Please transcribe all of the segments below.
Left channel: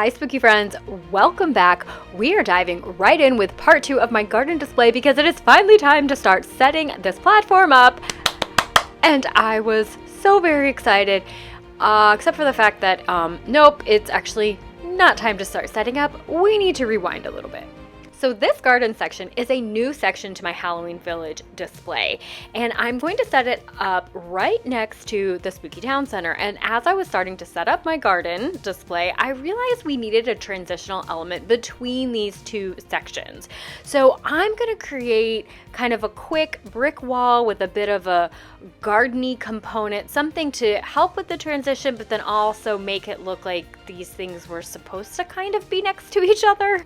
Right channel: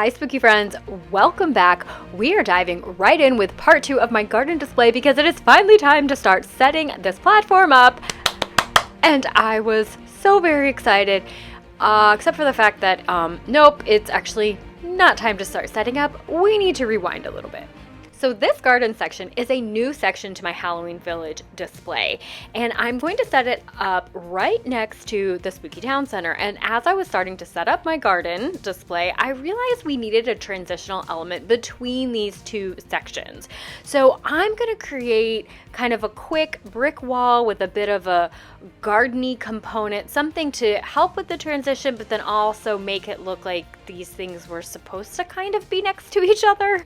Hi spooky friends, welcome back. We are diving right in with part 2 of my garden display because it is finally time to start setting this platform up. And I was so very excited, except for the fact that, nope, it's actually not time to start setting up. We need to rewind a little bit. So this garden section is a new section to my Halloween Village display, and I'm going to set it up right next to the Spooky Town Center. And as I was starting to set up my garden display, I realized we needed a transitional element between these two sections. So I'm going to create kind of a quick brick wall with a bit of a garden-y component, something to help with the transition, but then also make it look like these things were supposed to kind of be next to each other.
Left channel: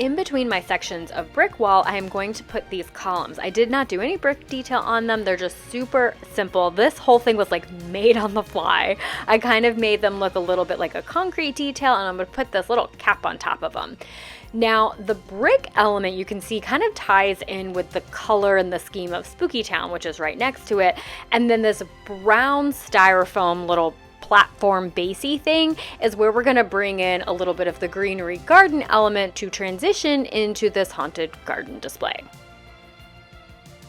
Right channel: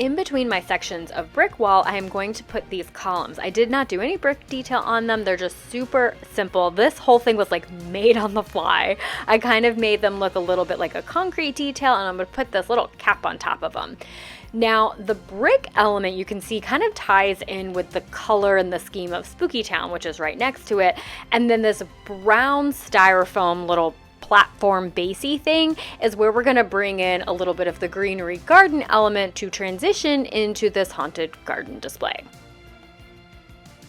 In between my sections of brick wall, I am going to put these columns. I did not do any brick detail on them. They're just super simple. This whole thing was like made on the fly. I kind of made them look a little bit like a concrete detail, and I'm going to put this little cap on top of them. Now, the brick element you can see kind of ties in with the color and the scheme of Spooky Town, which is right next to it. And then this brown styrofoam little platform basey thing is where we're going to bring in a little bit of the greenery garden element to transition into this haunted garden display.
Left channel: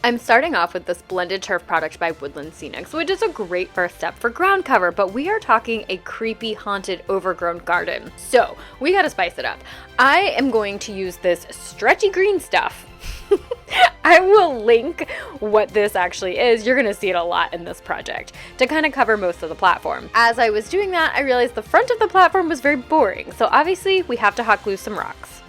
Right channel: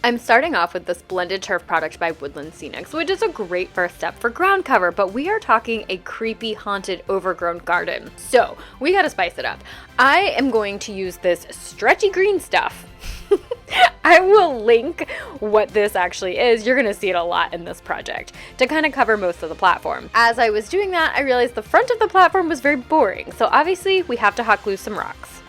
I'm starting off with this blended turf product by Woodland Scenics, which is a great first step for ground cover, but we are talking a creepy, haunted, overgrown garden. So we got to spice it up. I am going to use this stretchy green stuff. I will link what this actually is. You're going to see it a lot in this project to kind of cover most of the platform. As I was doing that, I realized the front of the platform was very boring. So obviously we have to hot glue some rocks.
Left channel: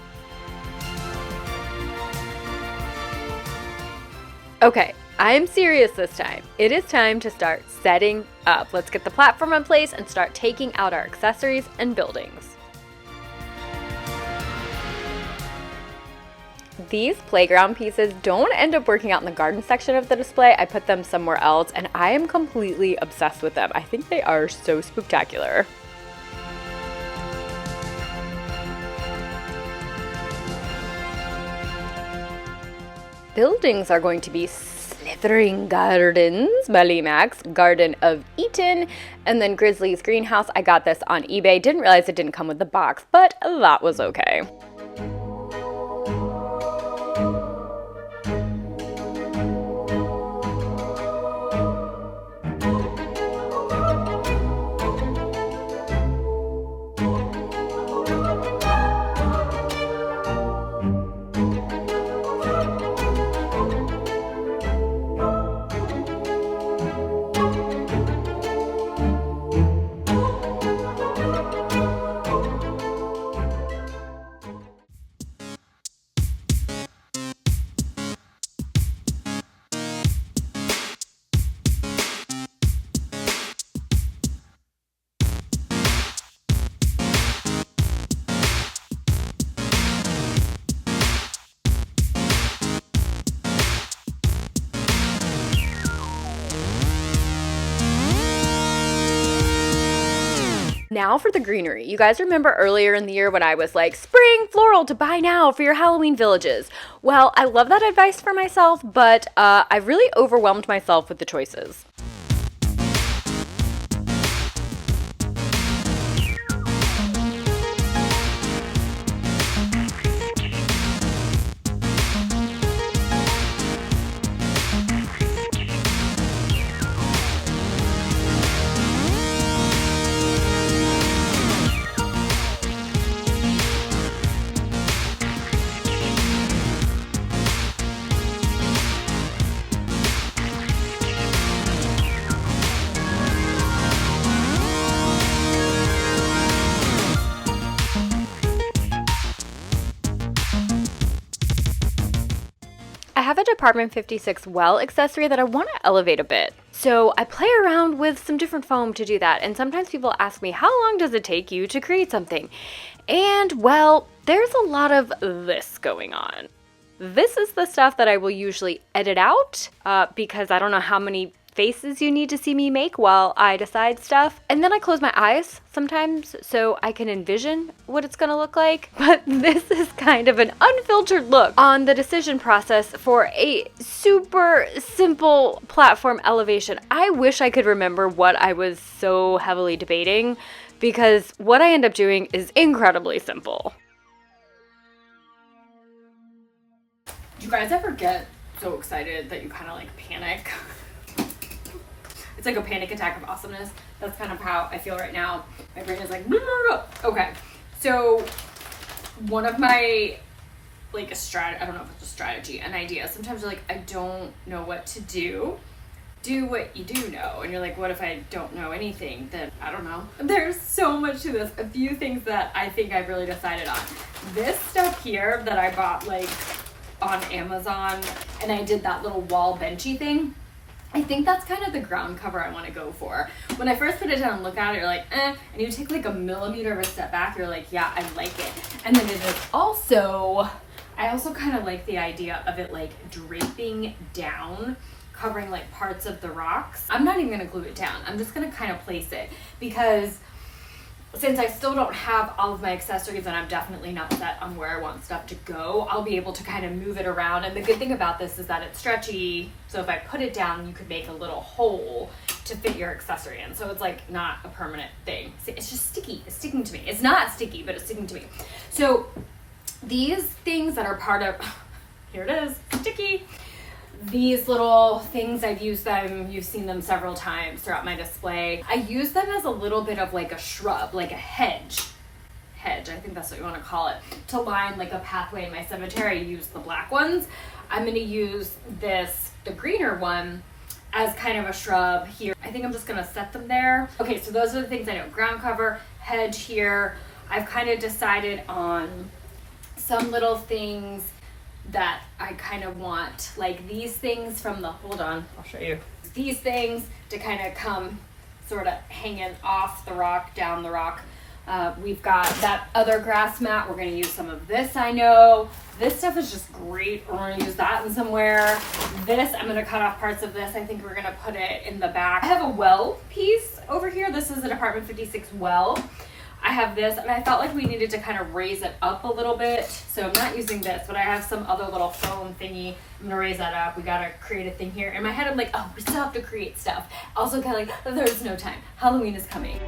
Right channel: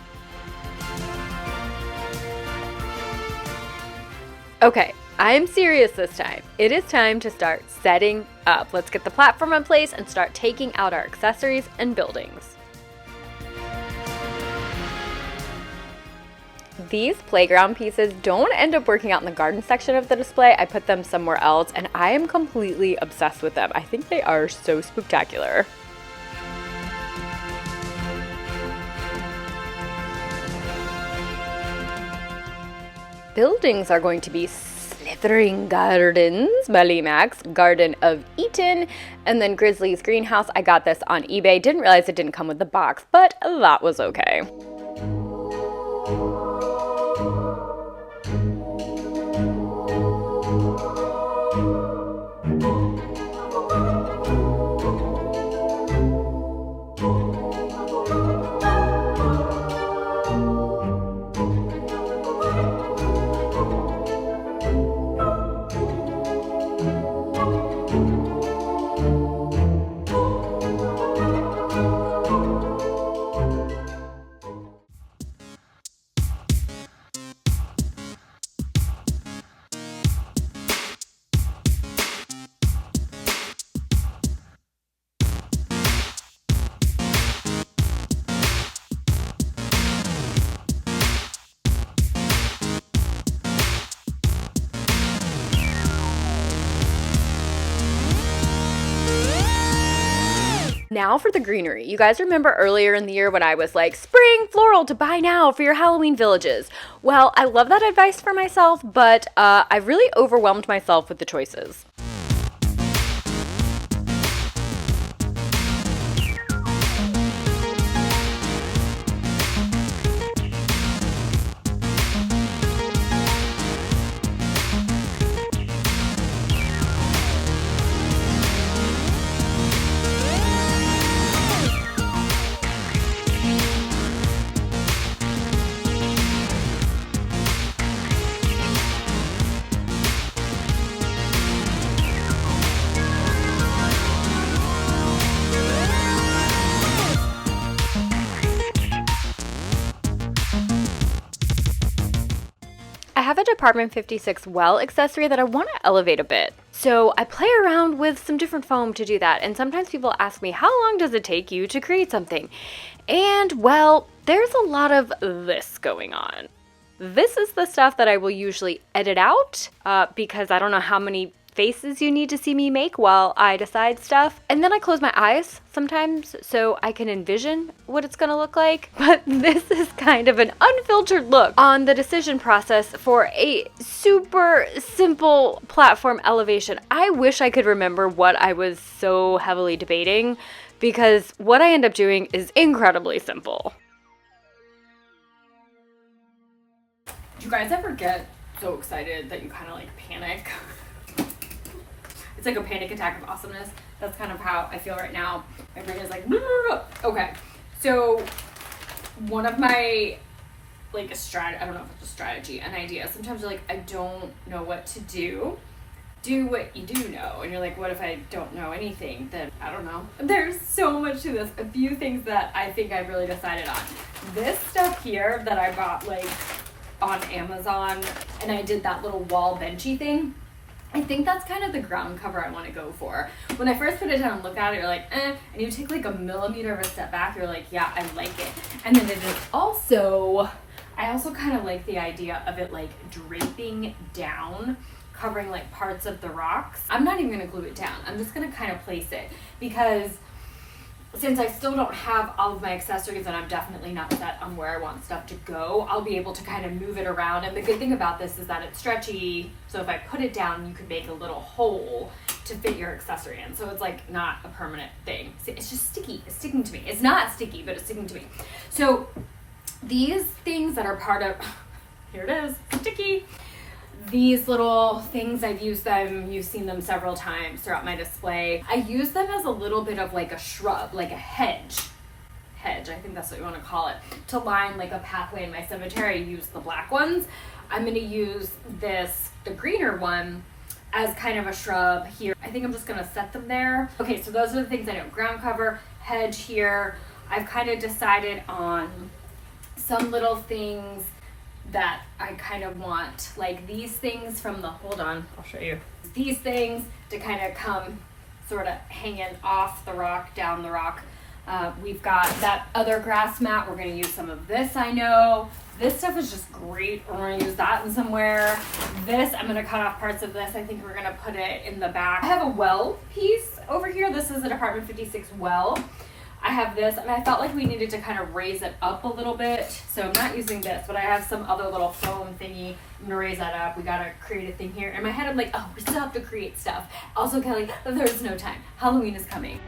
Okay, I'm serious this time. It is time to start setting up. Let's get the platform in place and start taking out our accessories and buildings. These playground pieces don't end up working out in the garden section of the display. I put them somewhere else, and I am completely obsessed with them. I think they are so spooktacular. Buildings are going to be Slithering Gardens by Lee Max, Garden of Eden, and then Grizzly's Greenhouse. I got this on eBay. Didn't realize it didn't come with the box, but that was okay. Now for the greenery. You guys remember earlier in the year when I was like, spring floral to buy now for your Halloween villages? Well, I love that advice for myself, but I really overwhelmed myself with the choices. I have a Department 56 well accessory that I want to elevate a bit. So I play around with some different foam to do that. And sometimes people ask me, how long does it take you to create something? And well, there's a lot of this going on. This is the stuff that I will usually edit out because I don't know how many faces you need to see me make while I decide stuff. And then I close my eyes sometimes so I can envision what it's gonna look like. But this is kind of an unfiltered look on the decision process for a super simple platform elevation. I wish I could remember what I was so heavily debating, because what I end up doing is incredibly simple. Do you guys ever get so excited that you kind of like panic? It's like a panic attack of awesomeness. That's kind of how I feel right now. My brain is like, okay. So one of my like I don't know if it's a strategy, an idea. Sometimes you're like, I don't know what to do. Do what you do know. And you're like, what if I don't know anything? Then I don't know. There's so much to this. A few things that I think I've really decided on. This stuff here that I bought like on Amazon, and I did that little wall benchy thing. I think that's kind of the ground cover I want to go for. When I first put it down and look at it, you're like, and you take like a millimeter of a step back, you're like, yeah, I like it. And then it is also, I also kind of like the idea of it like draping down, covering like parts of the rocks. I'm not even going to glue it down. I'm just going to kind of place it, because since I still don't have all of my accessories and I'm definitely not set on where I want stuff to go, I'll be able to kind of move it around. And the good thing about this is that it's stretchy, so if I put it down, you could make a little hole to fit your accessory in. So it's like not a permanent thing. It's just sticky. It's sticking to me. It's not sticky, but it's sticking to me. So these things that are part of, here it is, sticky. These little things, I've used them, you've seen them several times throughout my display. I use them as a little bit of like a shrub, like a hedge, I think that's what you want to call it, to line like a pathway in my cemetery. I use the black ones. I'm going to use this, the greener one, as kind of a shrub here. I think I'm just going to set them there. Okay, so those are the things I know. Ground cover, hedge here. I've kind of decided on some little things that I kind of want, like these things from the, hold on, I'll show you. These things to kind of come sort of hanging off the rock, down the rock. We've got that other grass mat. We're going to use some of this, I know. This stuff is just great. We're going to use that in somewhere. This, I'm going to cut off parts of this. I think we're going to put it in the back. I have a well piece over here. This is an Apartment 56 well. I have this, and I felt like we needed to kind of raise it up a little bit. So I'm not using this, but I have some other little foam thingy. I'm gonna raise that up. We gotta create a thing here. In my head, I'm like, oh, we still have to create stuff. Also, Kelly, there's no time. Halloween is coming.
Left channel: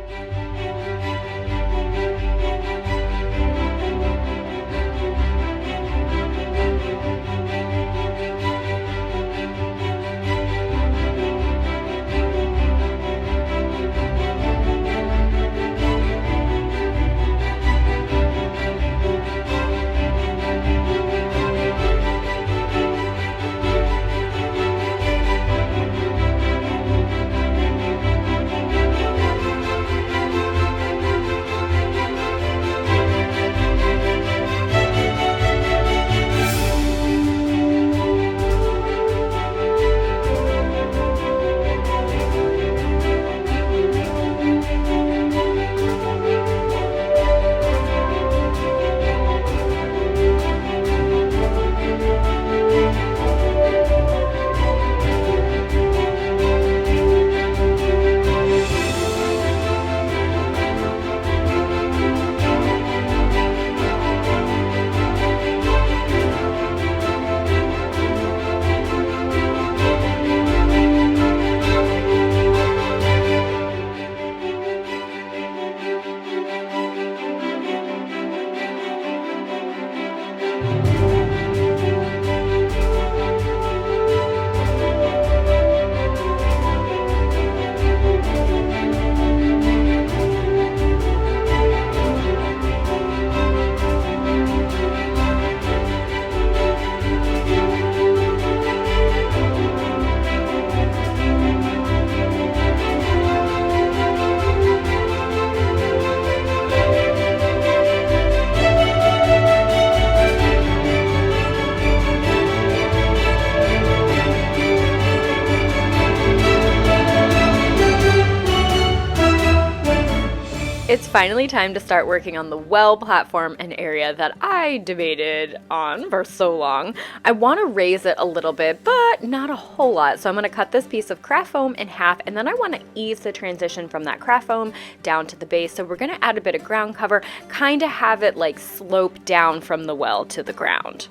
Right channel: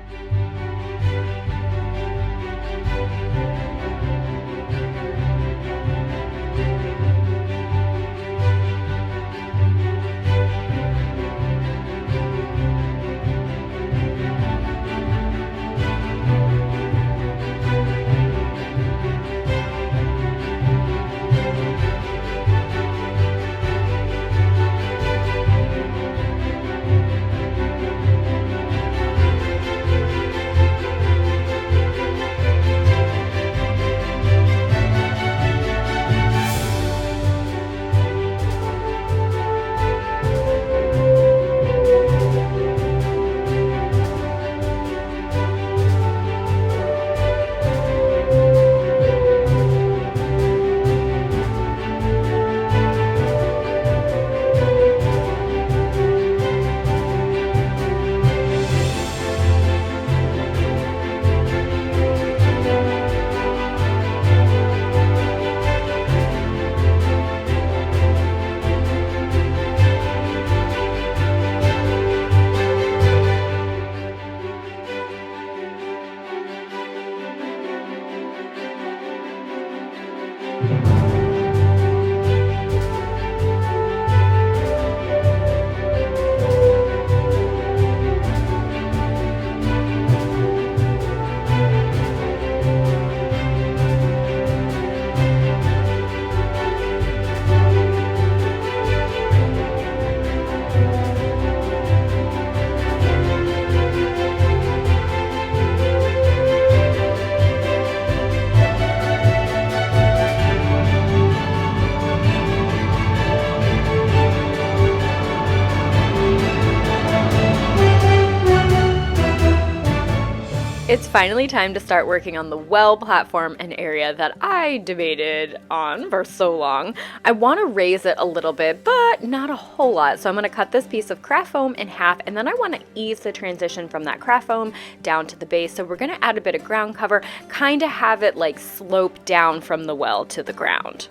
It's finally time to start working on the well platform, an area that I debated on for so long. I want to raise it a little bit, but not a whole lot. So I'm going to cut this piece of craft foam in half, and then I want to ease the transition from that craft foam down to the base. So we're going to add a bit of ground cover, kind of have it like slope down from the well to the ground.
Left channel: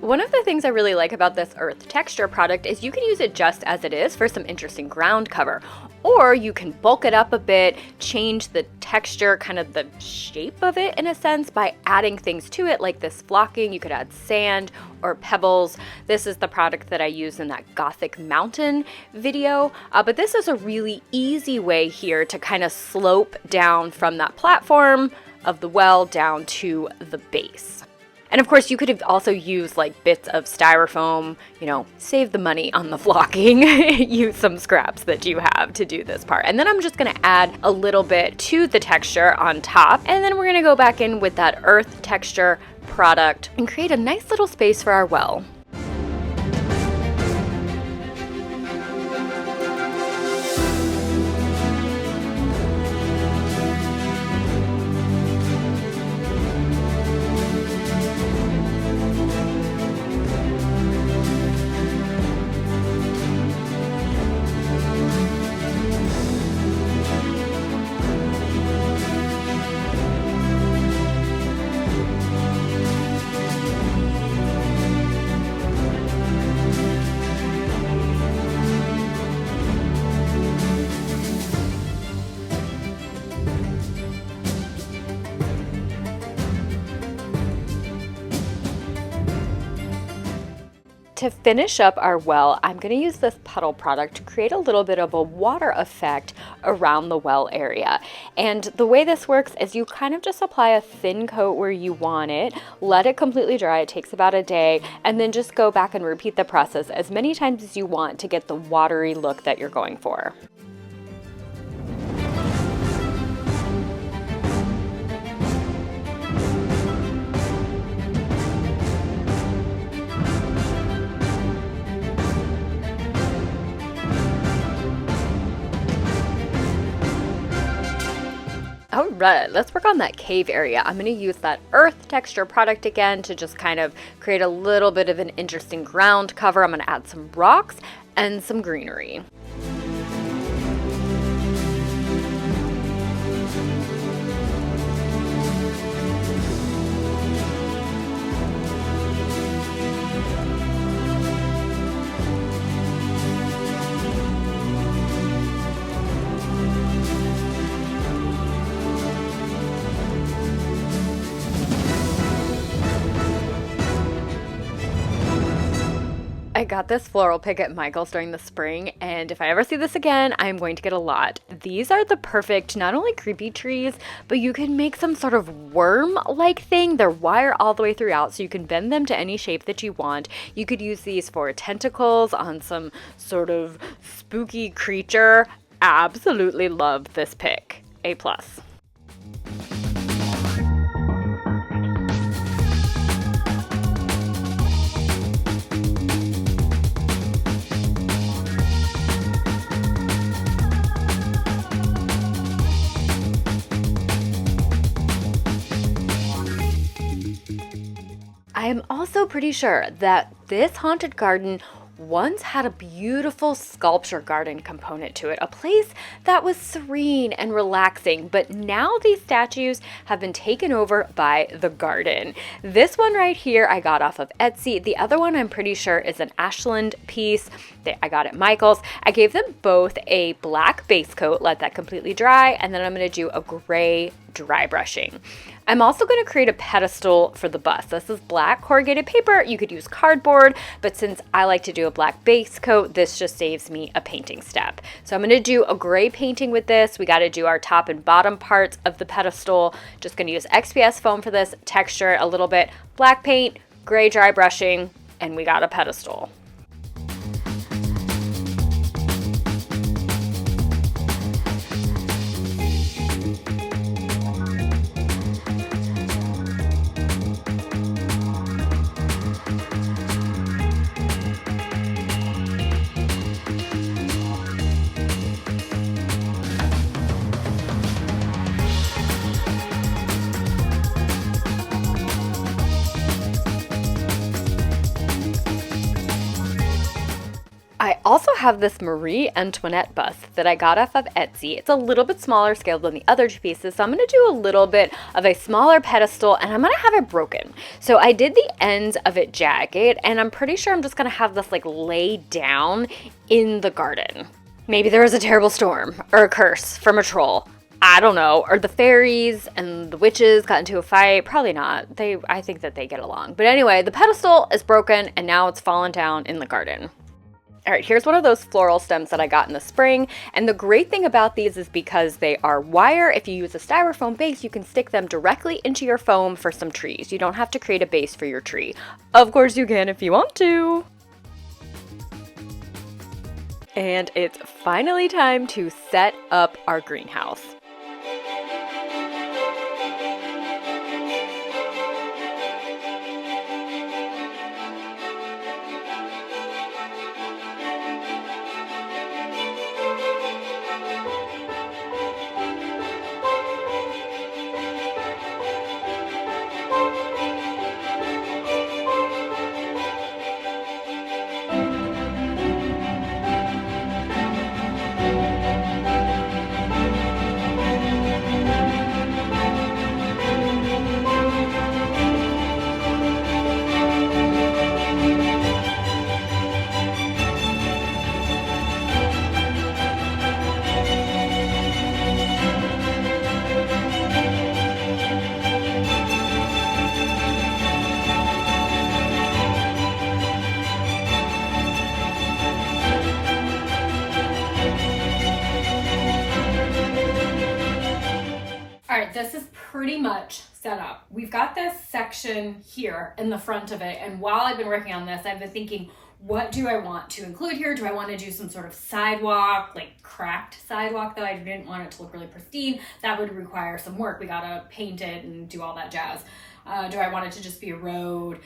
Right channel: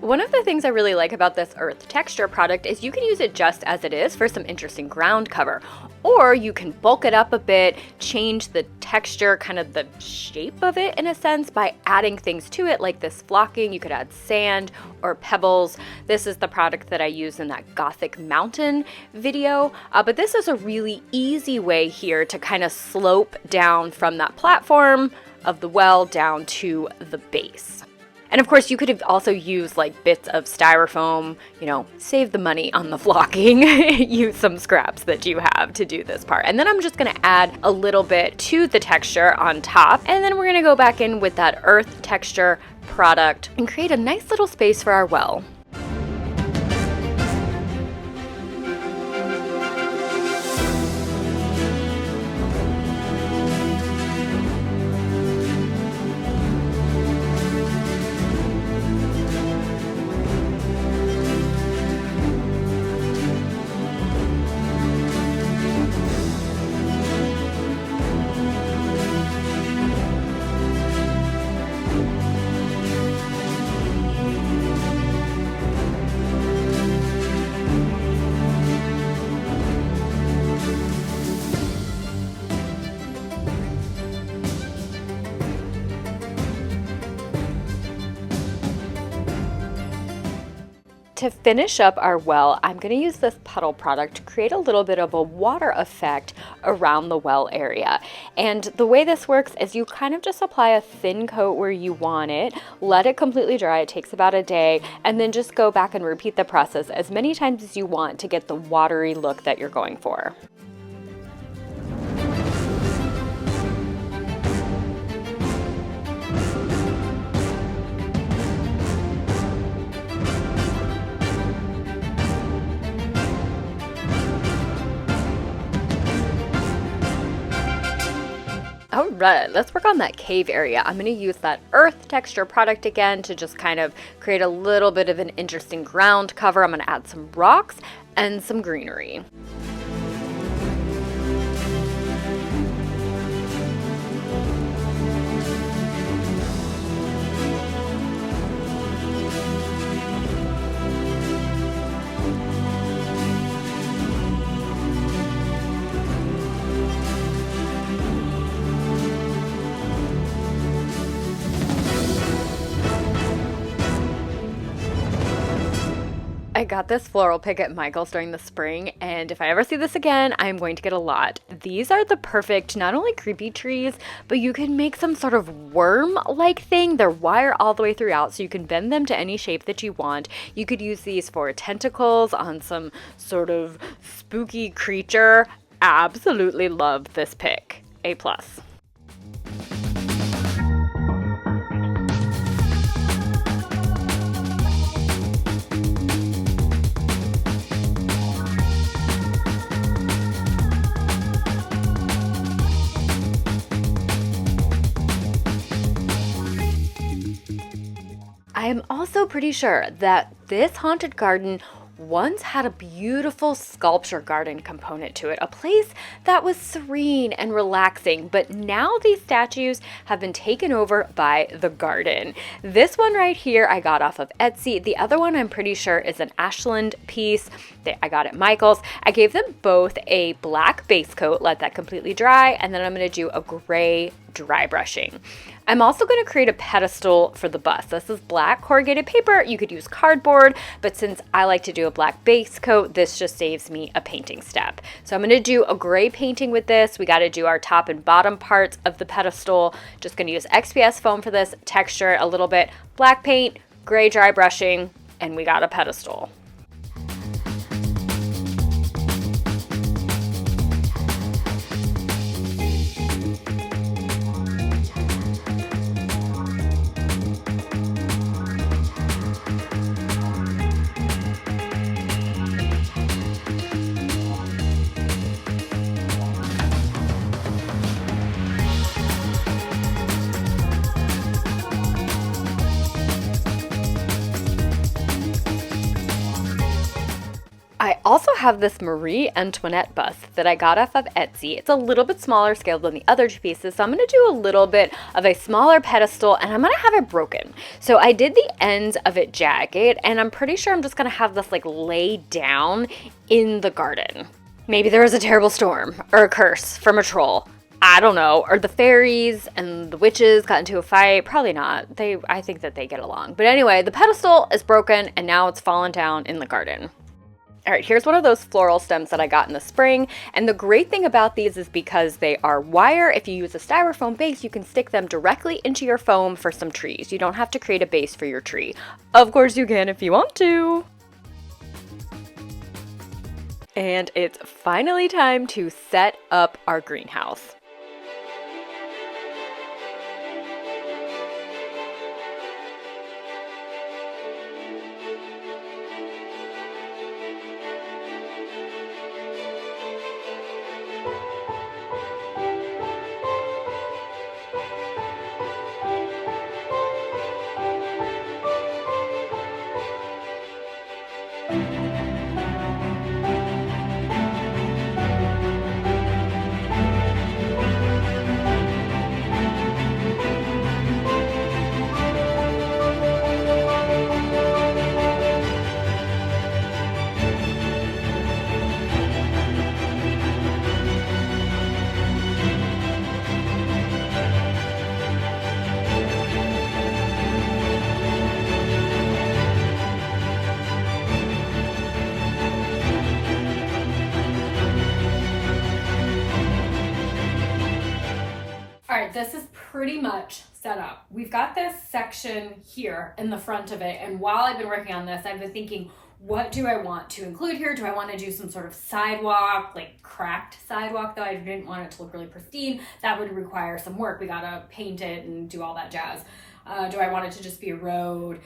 One of the things I really like about this earth texture product is you can use it just as it is for some interesting ground cover, or you can bulk it up a bit, change the texture, kind of the shape of it in a sense by adding things to it like this flocking. You could add sand or pebbles. This is the product that I used in that Gothic mountain video, but this is a really easy way here to kind of slope down from that platform of the well down to the base. And of course, you could have also used like bits of styrofoam, save the money on the flocking, use some scraps that you have to do this part. And then I'm just gonna add a little bit to the texture on top. And then we're gonna go back in with that earth texture product and create a nice little space for our well. To finish up our well, I'm going to use this puddle product to create a little bit of a water effect around the well area. And the way this works is you kind of just apply a thin coat where you want it, let it completely dry, it takes about a day, and then just go back and repeat the process as many times as you want to get the watery look that you're going for. All right, let's work on that cave area. I'm going to use that earth texture product again to just kind of create a little bit of an interesting ground cover. I'm going to add some rocks and some greenery. I got this floral pick at Michael's during the spring, and if I ever see this again, I'm going to get a lot. These are the perfect, not only creepy trees, but you can make some sort of worm-like thing. They're wire all the way throughout, so you can bend them to any shape that you want. You could use these for tentacles on some sort of spooky creature. Absolutely love this pick. A+. I am also pretty sure that this haunted garden once had a beautiful sculpture garden component to it, a place that was serene and relaxing, but now these statues have been taken over by the garden. This one right here I got off of Etsy. The other one I'm pretty sure is an Ashland piece that I got at Michael's. I gave them both a black base coat, let that completely dry, and then I'm going to do a gray dry brushing. I'm also going to create a pedestal for the bust. This is black corrugated paper. You could use cardboard, but since I like to do a black base coat, this just saves me a painting step. So I'm going to do a gray painting with this. We got to do our top and bottom parts of the pedestal. Just going to use XPS foam for this, texture it a little bit, black paint, gray dry brushing, and we got a pedestal. also have this Marie Antoinette bust that I got off of Etsy. It's a little bit smaller scale than the other two pieces, so I'm going to do a little bit of a smaller pedestal, and I'm going to have it broken. So I did the ends of it jagged, and I'm pretty sure I'm just going to have this like lay down in the garden. Maybe there was a terrible storm or a curse from a troll. I don't know. Or the fairies and the witches got into a fight. Probably not. I think that they get along. But anyway, the pedestal is broken and now it's fallen down in the garden. All right, here's one of those floral stems that I got in the spring. And the great thing about these is because they are wire, if you use a styrofoam base, you can stick them directly into your foam for some trees. You don't have to create a base for your tree. Of course you can if you want to. And it's finally time to set up our greenhouse. All right, this is pretty much set up. We've got this section here in the front of it, and while I've been working on this, I've been thinking, what do I want to include here? Do I want to do some sort of sidewalk, like cracked sidewalk, though I didn't want it to look really pristine? That would require some work. We gotta paint it and do all that jazz. Do I want it to just be a road?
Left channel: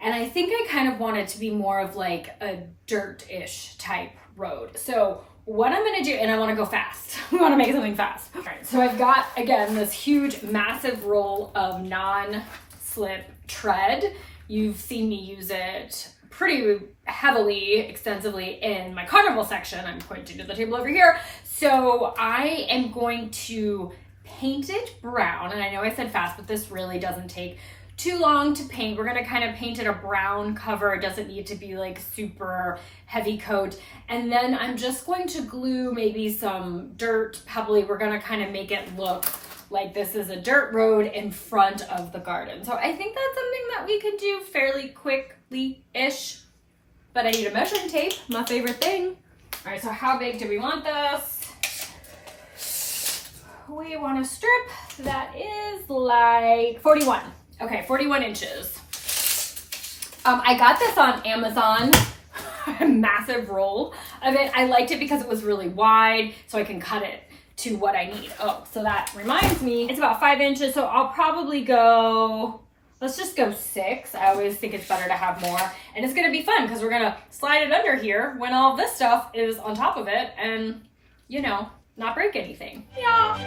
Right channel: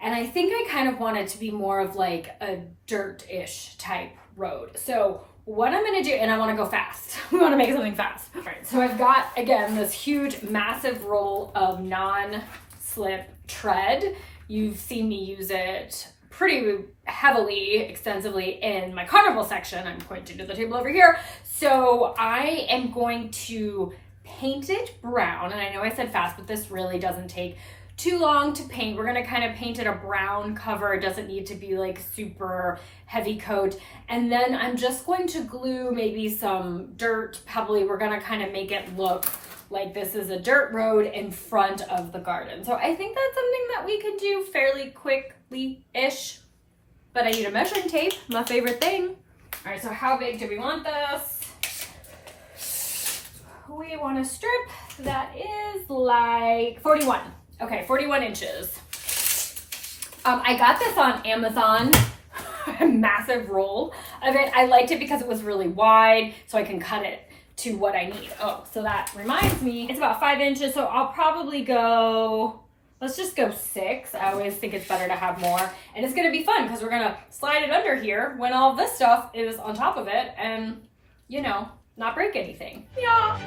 And I think I kind of want it to be more of like a dirt-ish type road. So what I'm gonna do, and I wanna go fast. We wanna make something fast. All right, so I've got, again, this huge, massive roll of non-slip tread. You've seen me use it pretty heavily, extensively in my carnival section. I'm pointing to the table over here. So I am going to paint it brown, and I know I said fast, but this really doesn't take too long to paint. We're gonna kind of paint it a brown cover. It doesn't need to be like super heavy coat. And then I'm just going to glue maybe some dirt pebbly. We're gonna kind of make it look like this is a dirt road in front of the garden. So I think that's something that we could do fairly quickly-ish. But I need a measuring tape, my favorite thing. All right, so how big do we want this? We want a strip that is like 41. Okay, 41 inches. I got this on Amazon, a massive roll of it. I liked it because it was really wide, so I can cut it to what I need. Oh, so that reminds me, it's about 5 inches, so I'll probably go, let's just go 6. I always think it's better to have more. And it's gonna be fun because we're gonna slide it under here when all this stuff is on top of it and, you know, not break anything. Yeah.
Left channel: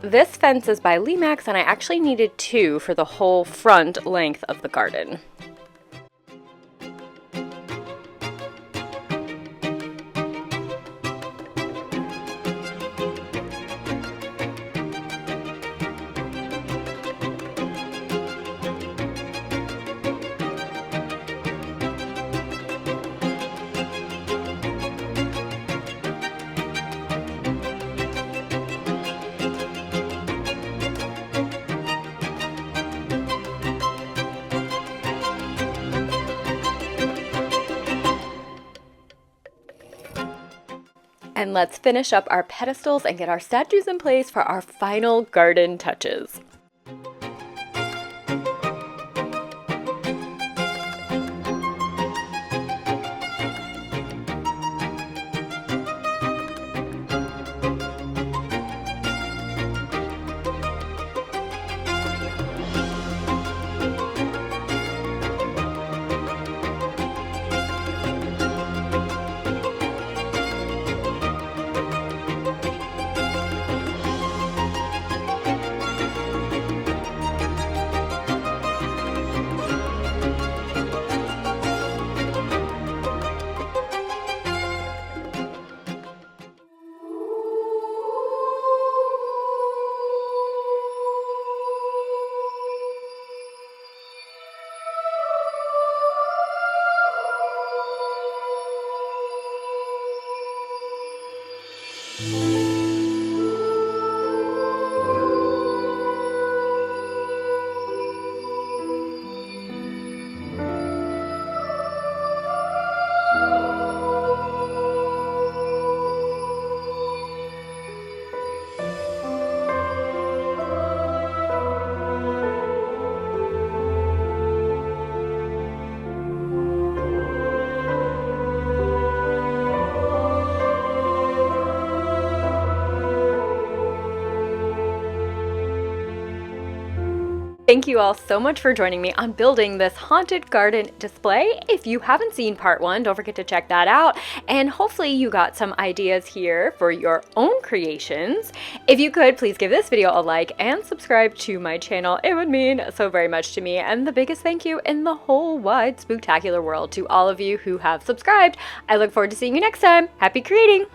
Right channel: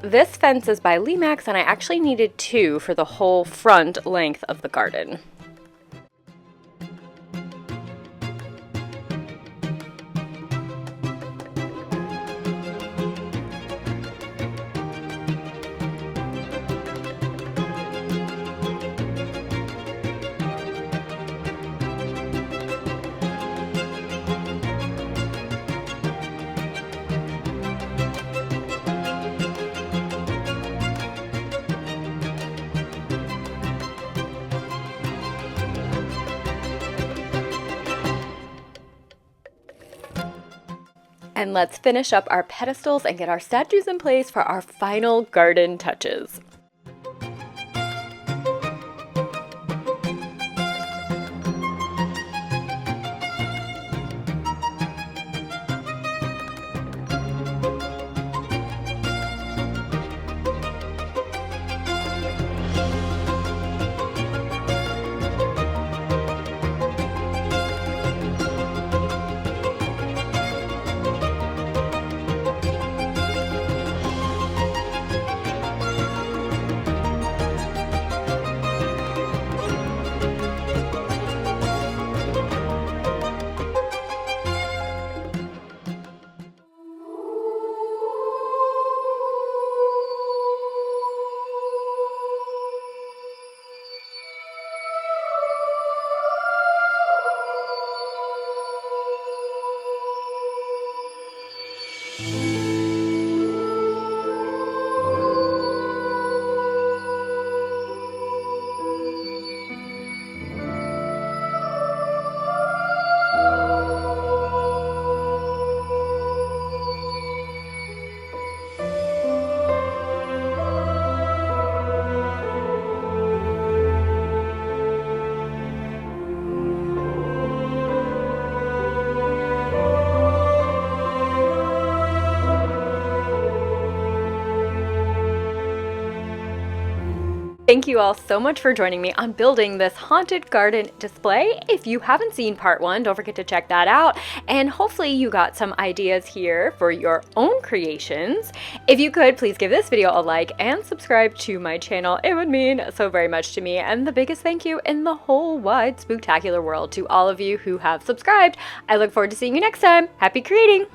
This fence is by Limax, and I actually needed 2 for the whole front length of the garden. And let's finish up our pedestals and get our statues in place for our final garden touches. Thank you all so much for joining me on building this haunted garden display. If you haven't seen part 1, don't forget to check that out. And hopefully you got some ideas here for your own creations. If you could, please give this video a like and subscribe to my channel. It would mean so very much to me. And the biggest thank you in the whole wide spooktacular world to all of you who have subscribed. I look forward to seeing you next time. Happy creating!